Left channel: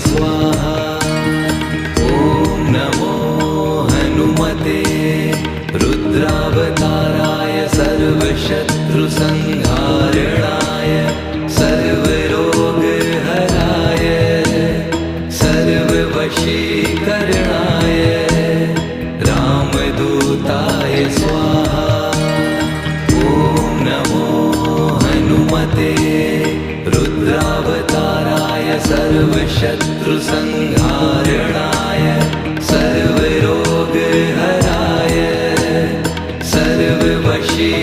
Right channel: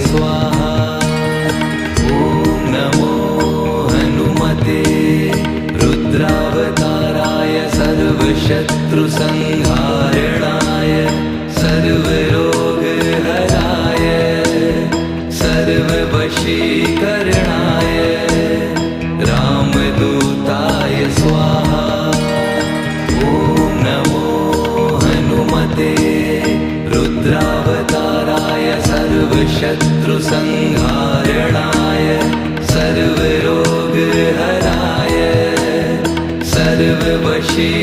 स्वाहा। ॐ नमो हनुमते रुद्रावताराय सर्वशत्रुसंहारणाय सर्वरोगहराय सर्ववशीकरणाय रामदूताय स्वाहा। ॐ नमो हनुमते रुद्रावताराय सर्वशत्रुसंहारणाय सर्वरोगहराय सर्ववशीकरणाय